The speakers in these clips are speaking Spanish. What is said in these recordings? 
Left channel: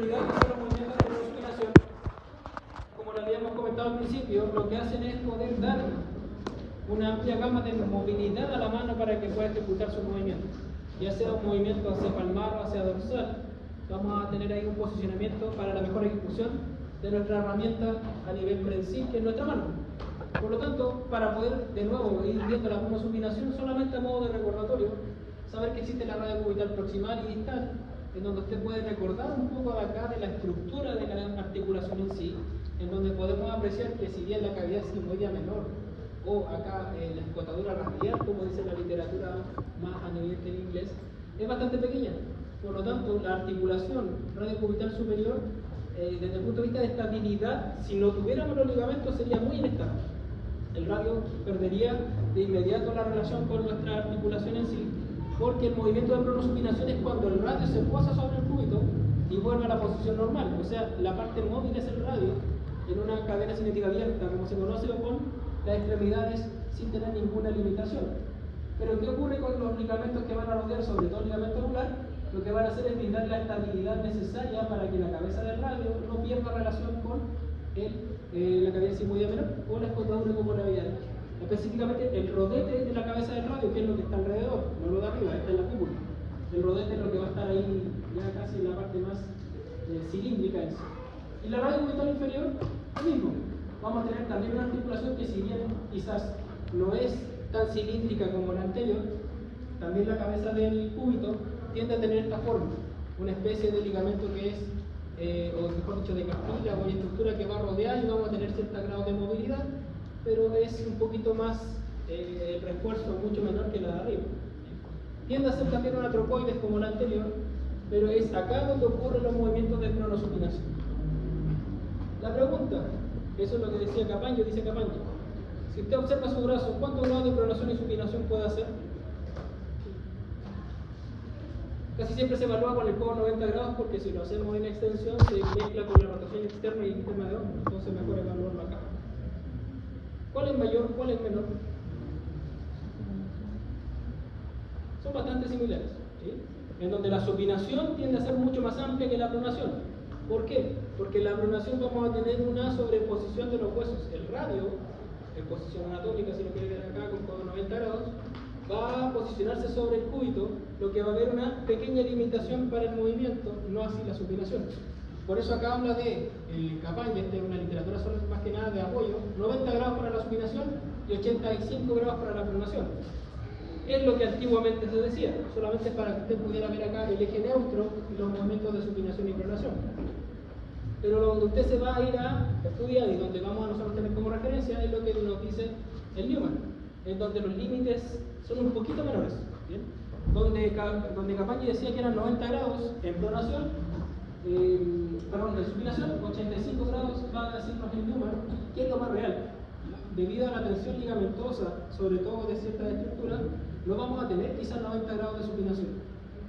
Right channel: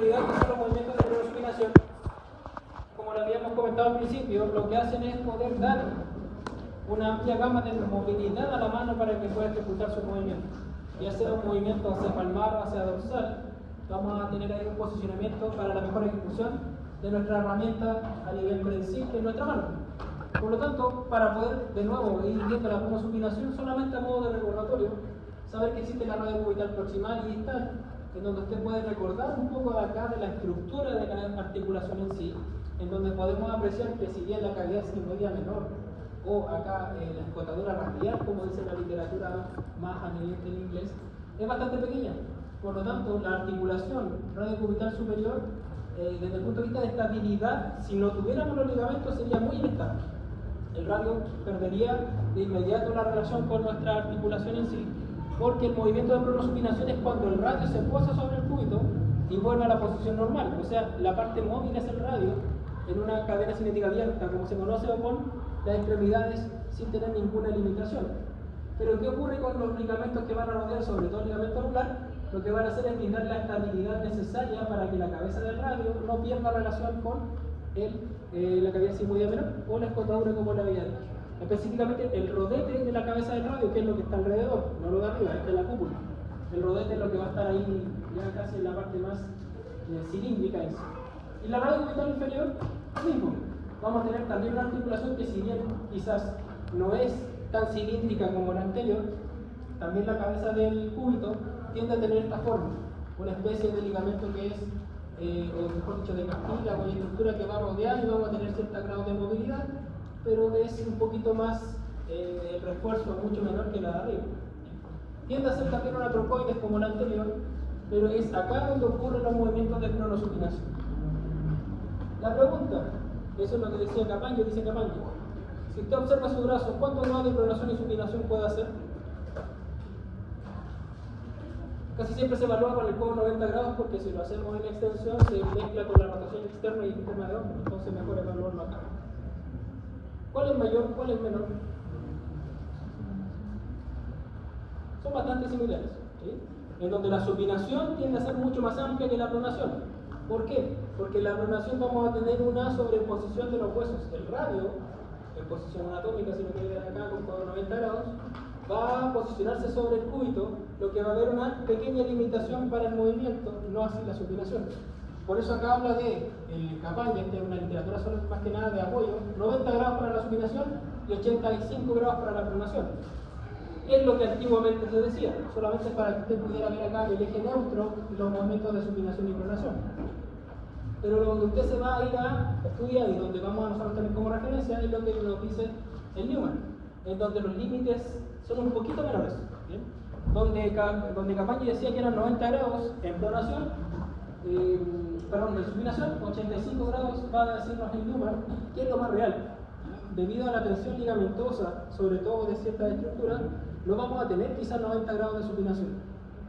Los movimientos de prosupinación, como lo habíamos comentado al principio, lo que hacen es poder dar una amplia gama de movilidad a la mano para que pueda ejecutar su movimiento. Ya sea un movimiento hacia palmar o hacia dorsal, vamos a tener ahí un posicionamiento para la mejor ejecución de nuestra herramienta a nivel prensil en nuestra mano. Por lo tanto, para poder de nuevo ir viendo la prosupinación solamente a modo de recordatorio, saber que existe la radio cubital proximal y distal, en donde usted puede recordar un poco de acá de la estructura de la articulación en sí, en donde podemos apreciar que si bien la cavidad sigmoidea menor o acá la escotadura radial, como dice la literatura más a nivel del inglés, es bastante pequeña. Por lo tanto, la articulación radiocubital superior, desde el punto de vista de estabilidad, si no tuviéramos los ligamentos sería muy inestable. El radio perdería de inmediato la relación con nuestra articulación en sí, porque el movimiento de prosupinación es cuando el radio se posa sobre el cúbito y vuelve a la posición normal. O sea, la parte móvil es el radio en una cadena cinética abierta, como se conoce, o con las extremidades sin tener ninguna limitación. Pero ¿qué ocurre con los ligamentos que van a rodear, sobre todo el ligamento anular? Lo que van a hacer es brindar la estabilidad necesaria para que la cabeza del radio no pierda relación con la cavidad sigmoidea menor o la escotadura como la veía antes. Específicamente el rodete de la cabeza del radio, que es lo que está alrededor, no lo de arriba, esta es la cúpula. El rodete es lo que va a estar ahí ya casi en la parte más cilíndrica en sí. Y la radio cubital inferior, lo mismo. Vamos a tener también una articulación que, si bien quizás no es tan cilíndrica como la anterior, también la cabeza del cúbito tiende a tener esta forma, una especie de ligamento que es, o mejor dicho, de cartílago, una estructura que va a rodear y vamos a tener cierto grado de movilidad, pero es un poquito más, el refuerzo mucho menor que la de arriba. Tiende a ser también una trocoides como la anterior, pero es acá donde ocurren los movimientos de prosupinación. La pregunta, eso es lo que decía Capaño, dice Capaño. Si usted observa su brazo, ¿cuánto más de pronación y supinación puede hacer? Casi siempre se evalúa con el codo 90 grados porque si lo hacemos en extensión se mezcla con la rotación externa y interna de hombro, entonces mejor evaluarlo acá. ¿Cuál es mayor? ¿Cuál es menor? Son bastante similares, ¿sí? En donde la supinación tiende a ser mucho más amplia que la pronación. ¿Por qué? Porque en la pronación vamos a tener una sobreposición de los huesos. El radio, en posición anatómica, si lo quiere ver acá con codo 90 grados, va a posicionarse sobre el cúbito, lo que va a haber una pequeña limitación para el movimiento, no así la supinación. Por eso acá habla de el Capaña, esta es una literatura solo más que nada de apoyo, 90 grados para la supinación y 85 grados para la pronación. Es lo que antiguamente se decía, solamente para que usted pudiera ver acá el eje neutro y los movimientos de supinación y pronación. Pero donde usted se va a ir a estudiar y donde vamos a nosotros tener como referencia es lo que nos dice el Newman, en donde los límites son un poquito menores, ¿bien? Donde Capaña decía que eran 90 grados en pronación, de supinación, 85 grados va a decirnos el Newman, que es lo más real. Debido a la tensión ligamentosa, sobre todo de cierta estructura, no vamos a tener quizás 90 grados de supinación.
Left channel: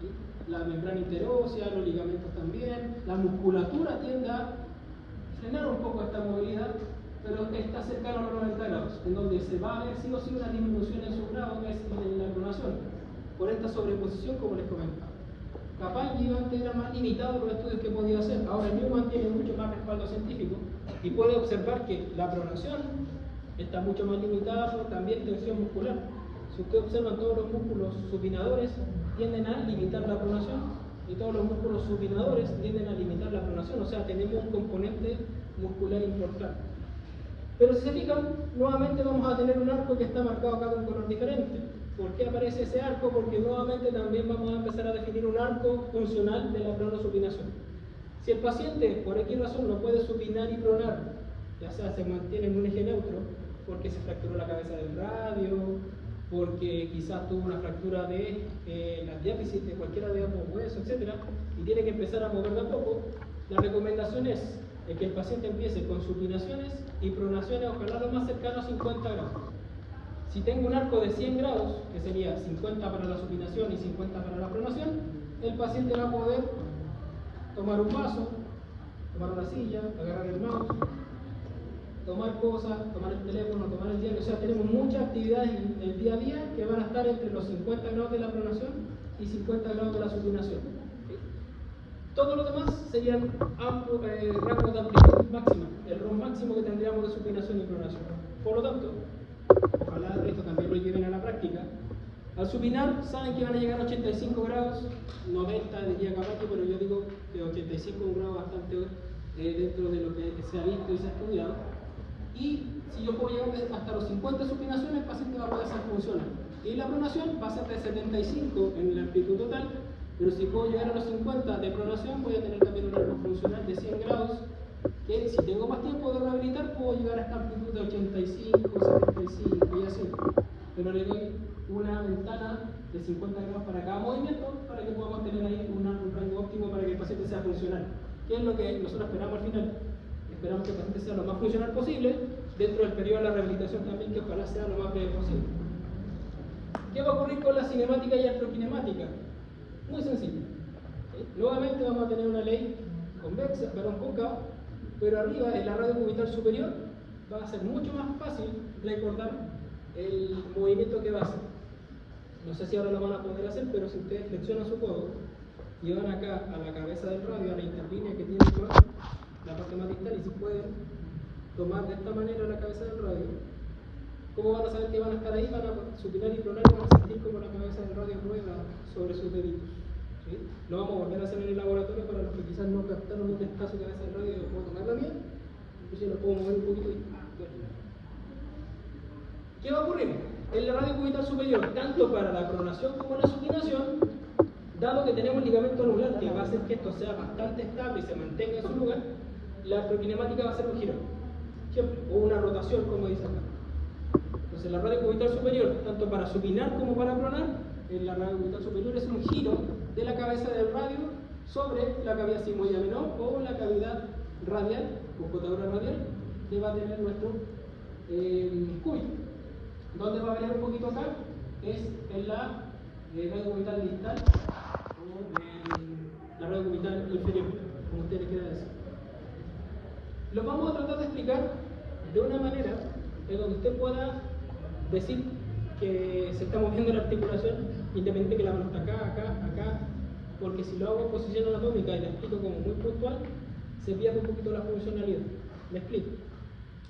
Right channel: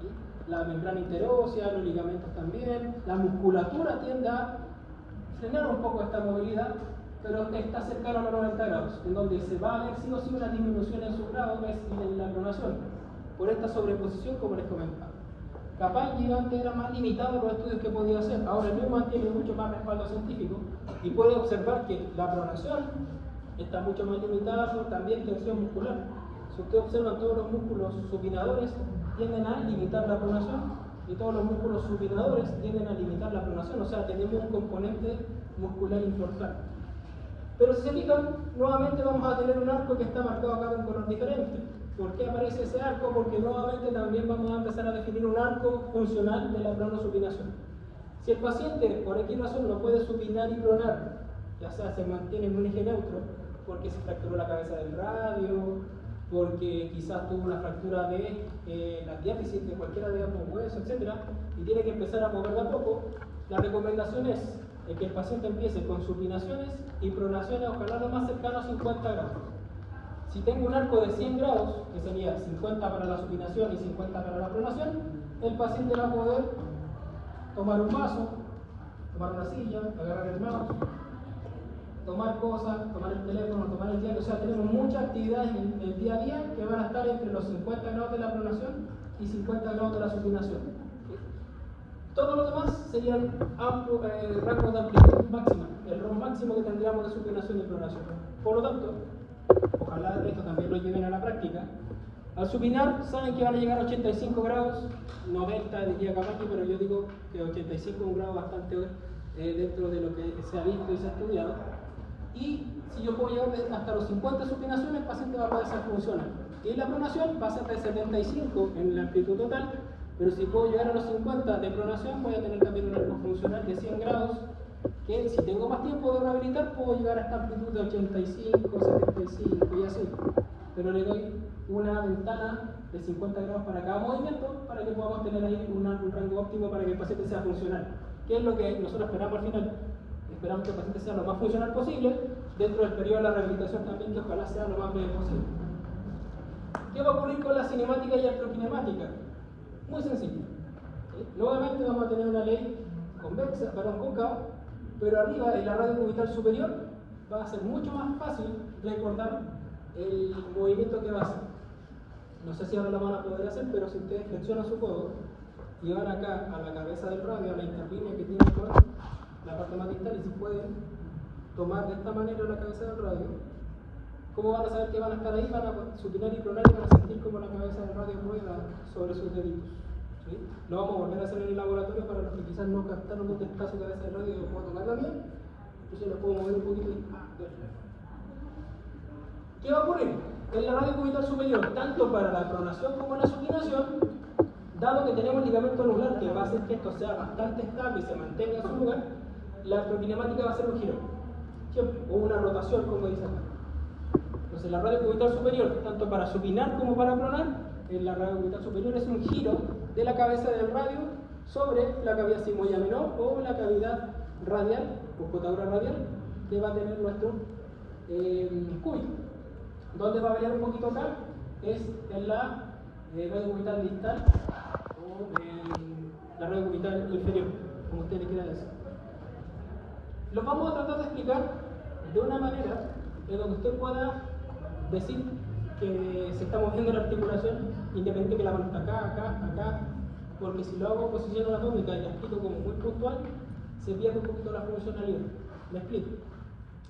¿Sí? La membrana interósea, los ligamentos también, la musculatura tiende a frenar un poco esta movilidad, pero está cercano a los 90 grados, en donde se va a ver sí o sí una disminución en su grado, es en la pronación, por esta sobreposición como les comentaba. Capaña antes era más limitado los estudios que podía hacer, ahora Newman tiene mucho más respaldo científico y puede observar que la pronación está mucho más limitada por también tensión muscular. Si usted observa, todos los músculos supinadores tienden a limitar la pronación y todos los músculos supinadores tienden a limitar la pronación, o sea, tenemos un componente muscular importante. Pero si se fijan, nuevamente vamos a tener un arco que está marcado acá con un color diferente. ¿Por qué aparece ese arco? Porque nuevamente también vamos a empezar a definir un arco funcional de la pronosupinación. Si el paciente, por X razón, no puede supinar y pronar, ya sea se mantiene en un eje neutro, porque se fracturó la cabeza del radio, porque quizás tuvo una fractura de las diáfisis de cualquiera de ambos huesos, etc., y tiene que empezar a mover de a poco, la recomendación es que el paciente empiece con supinaciones y pronaciones, ojalá lo más cercano a 50 grados. Si tengo un arco de 100 grados, que sería 50 para la supinación y 50 para la pronación, el paciente va a poder tomar un vaso, tomar una silla, agarrar el mouse, tomar cosas, tomar el teléfono, tomar el diario. O sea, tenemos muchas actividades en el día a día que van a estar entre los 50 grados de la pronación y 50 grados de la supinación. Todo lo demás serían rangos de amplitud máxima, el ROM máximo que tendríamos de supinación y pronación. Por lo tanto, ojalá esto también lo lleven a la práctica. Al supinar, saben que van a llegar a 85 grados, 90 diría capaz que, pero yo digo que 85 es un grado bastante dentro de lo que se ha visto y se ha estudiado. Y si yo puedo llegar hasta los 50 supinaciones, el paciente va a poder funcionar. Y la pronación va a ser de 75 en la amplitud total, pero si puedo llegar a los 50 de pronación, voy a tener también un ritmo funcional de 100 grados, que si tengo más tiempo de rehabilitar, puedo llegar a esta amplitud de 85, 75 y así. Pero le doy una ventana de 50 grados para cada movimiento, para que podamos tener ahí un rango óptimo para que el paciente sea funcional. ¿Qué es lo que nosotros esperamos al final? Esperamos que el paciente sea lo más funcional posible, dentro del periodo de la rehabilitación también, que ojalá sea lo más breve posible. ¿Qué va a ocurrir con la cinemática y electrokinemática? Muy sencillo. Nuevamente vamos a tener una ley convexa, cóncava, pero arriba, en la radio cubital superior, va a ser mucho más fácil recordar el movimiento que va a hacer. No sé si ahora lo van a poder hacer, pero si ustedes flexionan su codo y van acá a la cabeza del radio, a la interlínea que tiene por la parte más distal, y si pueden tomar de esta manera la cabeza del radio, ¿cómo van a saber que van a estar ahí? Van a supinar y pronar y van a sentir como la cabeza del radio rueda sobre sus deditos. ¿Sí? Lo vamos a volver a hacer en el laboratorio para los que quizás no captaron dónde está su cabeza del radio y cómo tomarla bien. Entonces lo puedo mover un poquito y... ¿Qué va a ocurrir? En la radio cubital superior, tanto para la pronación como la supinación, dado que tenemos ligamento anular que va a hacer que esto sea bastante estable y se mantenga en su lugar, la electrokinemática va a ser un giro, o una rotación, como dicen. Entonces, la radio cubital superior, tanto para supinar como para pronar, en la radio cubital superior es un giro de la cabeza del radio sobre la cavidad sigmoidea menor o la cavidad radial, o cotadura radial, que va a tener nuestro cúbito. Donde va a variar un poquito acá es en la radio cubital distal o en la radio cubital inferior, como ustedes quieran decir. Lo vamos a tratar de explicar de una manera en donde usted pueda decir que se está moviendo la articulación independiente que la mano está acá, porque si lo hago en posición anatómica y la explico como muy puntual, se pierde un poquito la funcionalidad. Me explico.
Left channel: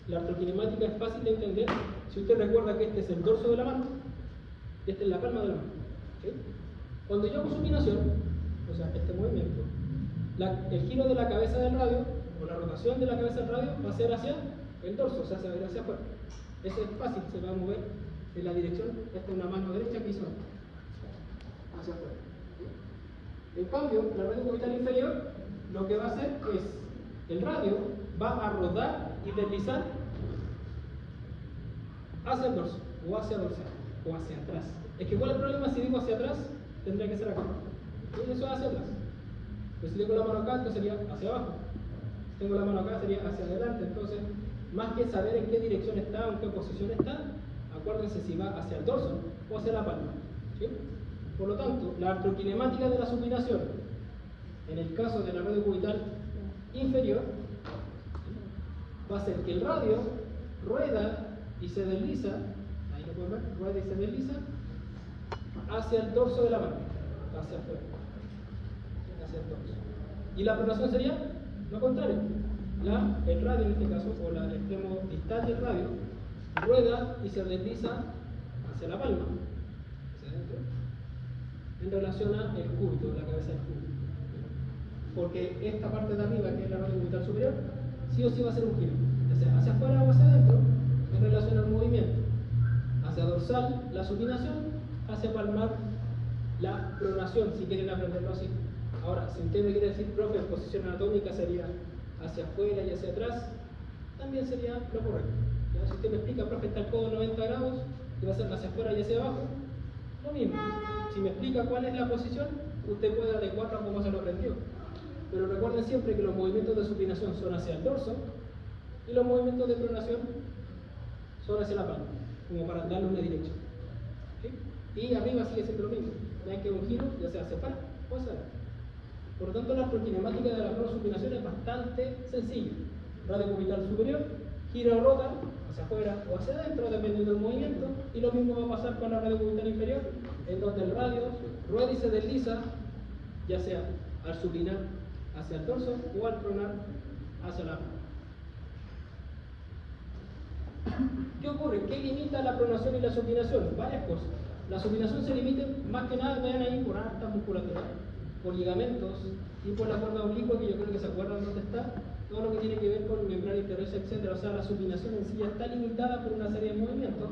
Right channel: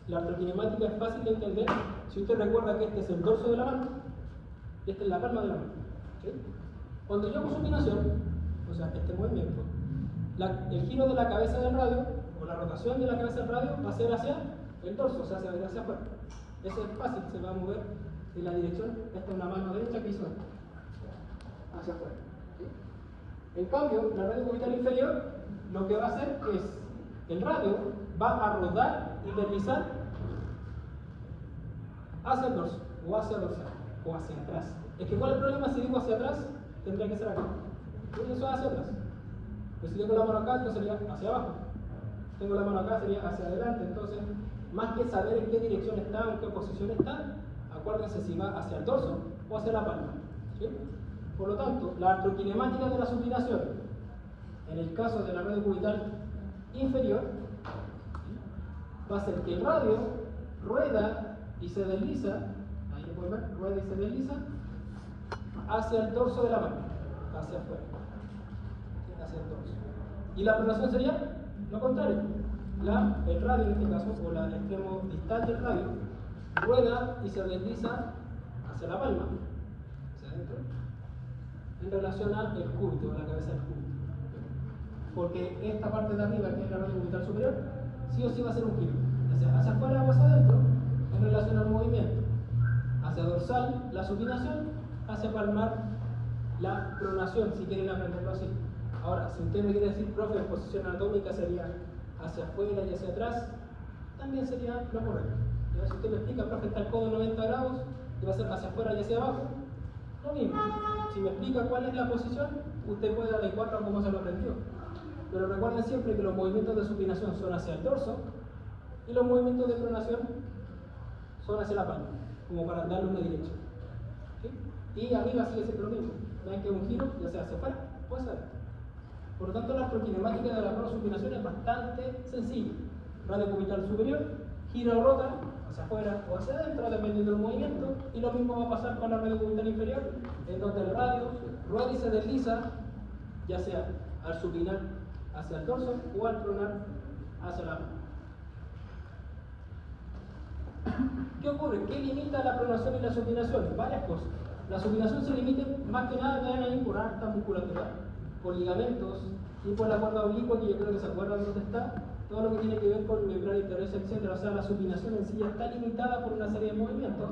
La electrokinemática es fácil de entender si usted recuerda que este es el dorso de la mano y este es la palma de la mano. ¿Sí? Cuando yo hago supinación, o sea, este movimiento, el giro de la cabeza del radio o la rotación de la cabeza del radio va a ser hacia el dorso, o sea, hacia afuera. Eso es fácil, se va a mover en la dirección. Esta es una mano derecha que hizo esto, hacia afuera. ¿Sí? En cambio, la radio cubital inferior lo que va a hacer es el radio va a rodar y deslizar hacia el dorso, o hacia el dorsal, o hacia atrás. Es que ¿cuál es el problema? Si digo hacia atrás, tendría que ser acá. Eso es hacia atrás. Pues si tengo la mano acá, esto sería hacia abajo. Si tengo la mano acá, sería hacia adelante. Entonces, más que saber en qué dirección está o en qué posición está, acuérdense si va hacia el dorso o hacia la palma. ¿Sí? Por lo tanto, la electrokinemática de la supinación, en el caso de la radio cubital inferior, va a ser que el radio rueda y se desliza, ahí lo pueden ver, rueda y se desliza hacia el dorso de la mano, hacia afuera, hacia el dorso. Y la pronación sería lo contrario. El radio en este caso, o el extremo distal del radio, rueda y se desliza hacia la palma, hacia adentro, en relación al cúbito, la cabeza del cúbito. Porque esta parte de arriba, que es la radio cubital superior, sí o sí va a ser un giro, ya sea hacia afuera o hacia adentro, en relación al movimiento. Hacia dorsal, la supinación, hacia palmar, la pronación, si quieren aprenderlo así. Ahora, si usted me quiere decir, profe, en posición anatómica sería hacia afuera y hacia atrás, también sería lo correcto. ¿Ya? Si usted me explica, profe, está el codo 90 grados, y va a ser hacia afuera y hacia abajo, lo mismo. Si me explica cuál es la posición, usted puede adecuarlo a cómo se lo aprendió. Pero recuerden siempre que los movimientos de supinación son hacia el dorso y los movimientos de pronación son hacia la palma, como para darle una dirección. ¿Sí? Y arriba sigue siendo lo mismo, ya que un giro ya sea hacia afuera o hacia adentro. Por lo tanto, la electrokinemática de la pronosupinación es bastante sencilla. Radio cubital superior, gira o rota hacia afuera o hacia adentro, dependiendo del movimiento, y lo mismo va a pasar con la radio cubital inferior, en donde el radio rueda y se desliza, ya sea al supinar hacia el dorso o al pronar hacia la nuca. ¿Qué ocurre? ¿Qué limita la pronación y la supinación? Varias cosas. La supinación se limita más que nada, vean ahí, por alta musculatura, por ligamentos y por la cuerda oblicua, que yo creo que se acuerdan dónde está, todo lo que tiene que ver con membrana interiosa, etc. O sea, la supinación en sí ya está limitada por una serie de movimientos,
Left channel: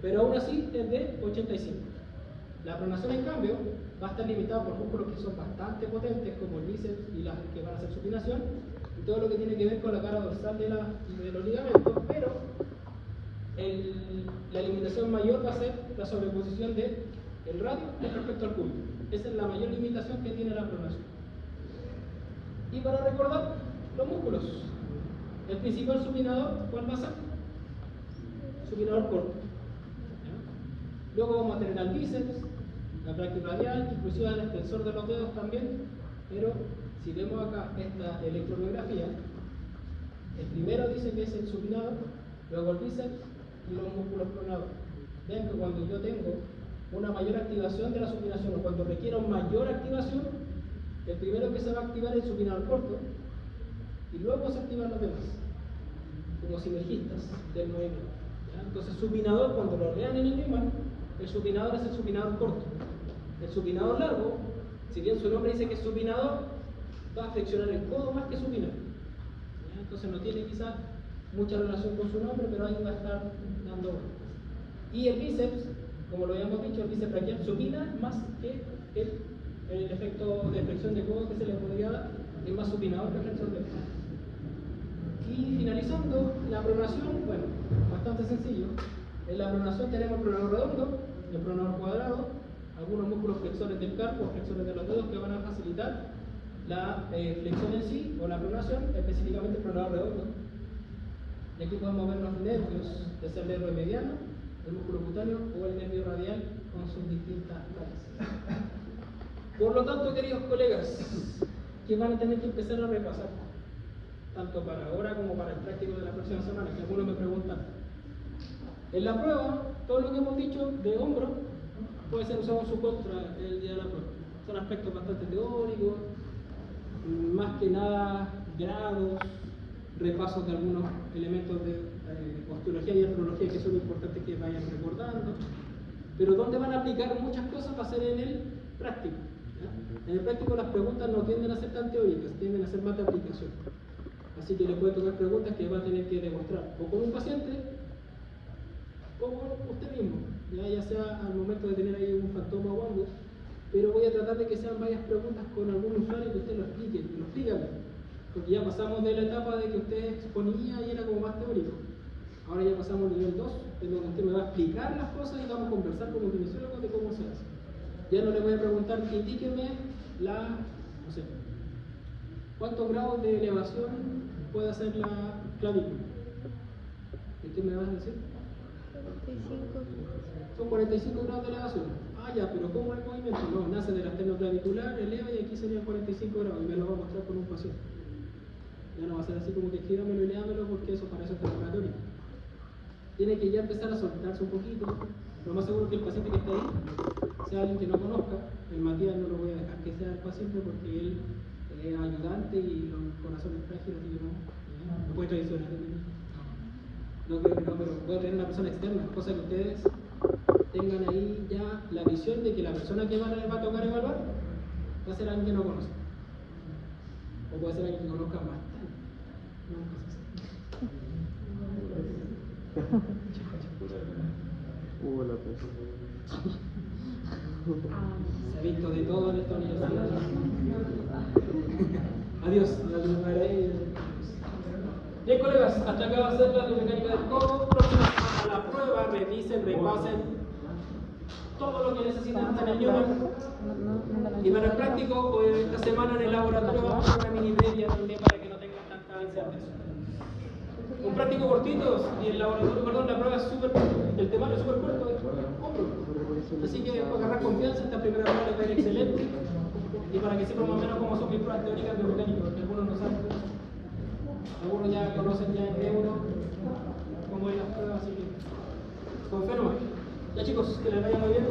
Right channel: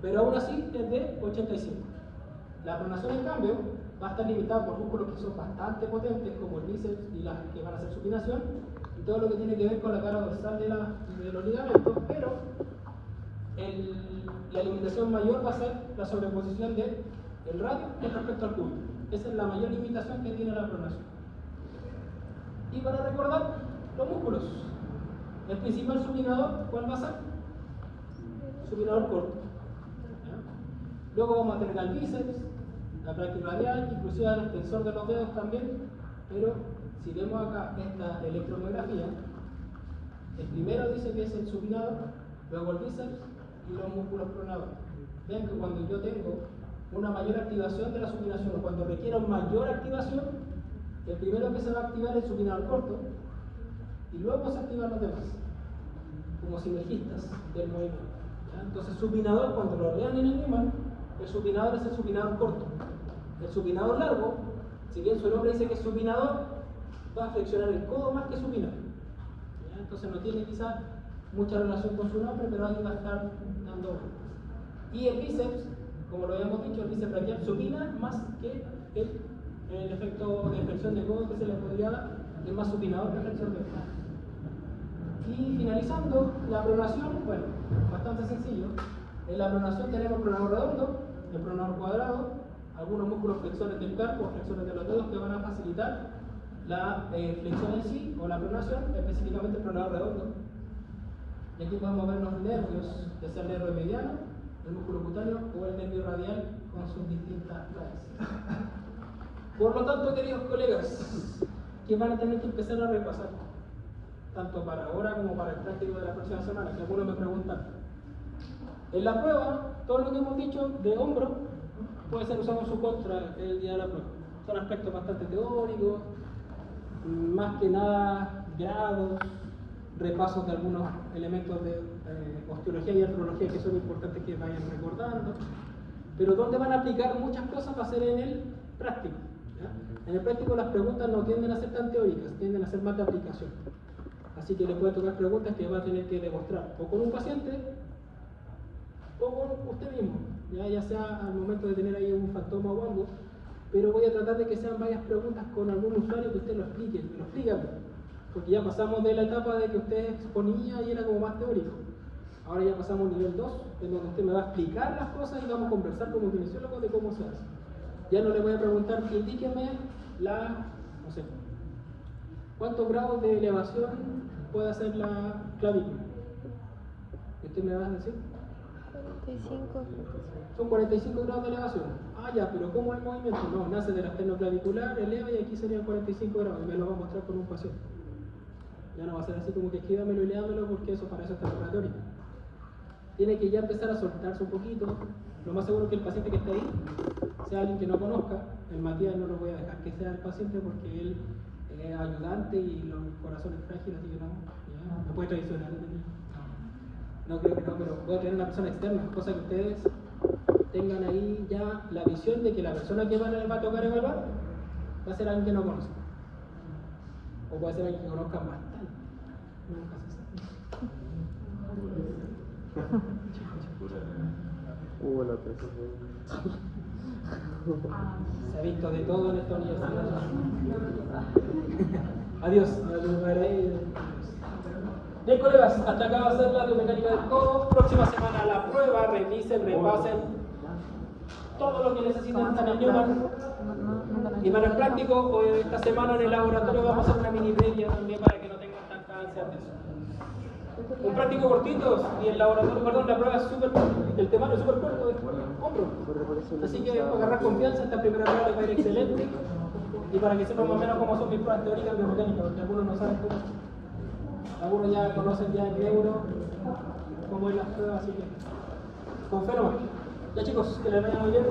pero aún así es de 85. La pronación, en cambio, va a estar limitada por músculos que son bastante potentes, como el bíceps y las que van a hacer supinación, y todo lo que tiene que ver con la cara dorsal de los ligamentos, pero la limitación mayor va a ser la sobreposición del radio respecto al cúbito. Esa es la mayor limitación que tiene la pronación. Y para recordar, los músculos. El principal supinador, ¿cuál va a ser? Supinador corto. ¿Ya? Luego vamos a tener al bíceps, la brachioradial, inclusive al extensor de los dedos también, pero si vemos acá esta electromiografía, el primero dice que es el supinador, luego el bíceps y los músculos pronadores. Vean que cuando yo tengo una mayor activación de la supinación o cuando requiero mayor activación, el primero que se va a activar es el supinador corto y luego se activan los demás, como sinergistas del movimiento. ¿Ya? Entonces, supinador, cuando lo vean en el imán, el supinador es el supinador corto. El supinador largo, si bien su nombre dice que es supinador, va a flexionar el codo más que supinar. ¿Ya? Entonces, no tiene quizás mucha relación con su nombre, pero alguien va a estar dando vueltas. Y el bíceps, como lo habíamos dicho, el bíceps braquial supina más que el efecto de flexión de codo que se le podría dar, es más supinador que flexión de codo. Y finalizando, la pronación, bueno, bastante sencillo. En la pronación tenemos el pronador redondo, el pronador cuadrado, algunos músculos flexores del carpo, flexores de los dedos que van a facilitar la flexión en sí, o la pronación, específicamente el pronador redondo. Y aquí podemos ver los nervios, ya sea el nervio mediano, el músculo cutáneo o el nervio radial con sus distintas raíces. Por lo tanto, queridos colegas, que van a tener que empezar a repasar, tanto para ahora como para el práctico de la próxima semana, que algunos me preguntan. En la prueba, todo lo que hemos dicho de hombro puede ser usado en su contra el día de la prueba. Son aspectos bastante teóricos, más que nada grados, repasos de algunos elementos de osteología y artrología que son importantes que vayan recordando, pero donde van a aplicar muchas cosas va a ser en el práctico. ¿Ya? En el práctico las preguntas no tienden a ser tan teóricas, tienden a ser más de aplicación. Así que le pueden tocar preguntas que va a tener que demostrar o con un paciente o con usted mismo, ya sea al momento de tener ahí un fantoma o algo, pero voy a tratar de que sean varias preguntas con algún usuario que usted lo explique, que lo explique, porque ya pasamos de la etapa de que usted exponía y era como más teórico. Ahora ya pasamos al nivel 2, en donde usted me va a explicar las cosas y vamos a conversar como kinesiólogos de cómo se hace. Ya no le voy a preguntar, indíqueme no sé, ¿cuántos grados de elevación puede hacer la clavícula? ¿Usted me va a decir? 45. Son 45 grados de elevación. Ah, ya, pero ¿cómo es el movimiento? No, nace de la esternoclavicular, eleva y aquí serían 45 grados y me lo va a mostrar con un paciente. Ya no va a ser así como que escríbamelo y léamelo porque eso para eso está la teórica. Tiene que ya empezar a soltarse un poquito. Lo más seguro es que el paciente que esté ahí sea alguien que no conozca. El Matías no lo voy a dejar que sea el paciente porque él es ayudante y los corazones frágiles, así que no puede traicionar. No creo que no, pero puede tener una persona externa, cosa que ustedes tengan ahí ya la visión de que la persona que va a tocar evaluar va a ser alguien que no conoce. O puede ser alguien que conozca más. Nunca se sabe. La cosa. Se ha visto de todo en esta universidad. Adiós. Bien, colegas, hasta acá va a ser la biomecánica del codo. Próxima semana la prueba, revisen, repasen todo lo que necesiten en el Newman. Y para el práctico, esta semana en el laboratorio vamos a hacer una mini previa también para que no tengan tanta ansia de eso. Un práctico cortito y el laboratorio, perdón, la prueba es súper, el temario es súper corto, hombro. Así que para agarrar confianza, esta primera prueba les va a ir excelente. Y para que sepan más o menos cómo son mis pruebas teóricas biomecánicas, porque algunos no saben cómo son. Algunos ya conocen ya el neuro, cómo es las pruebas, así que con fe nomás. Ya chicos, que les vaya muy bien.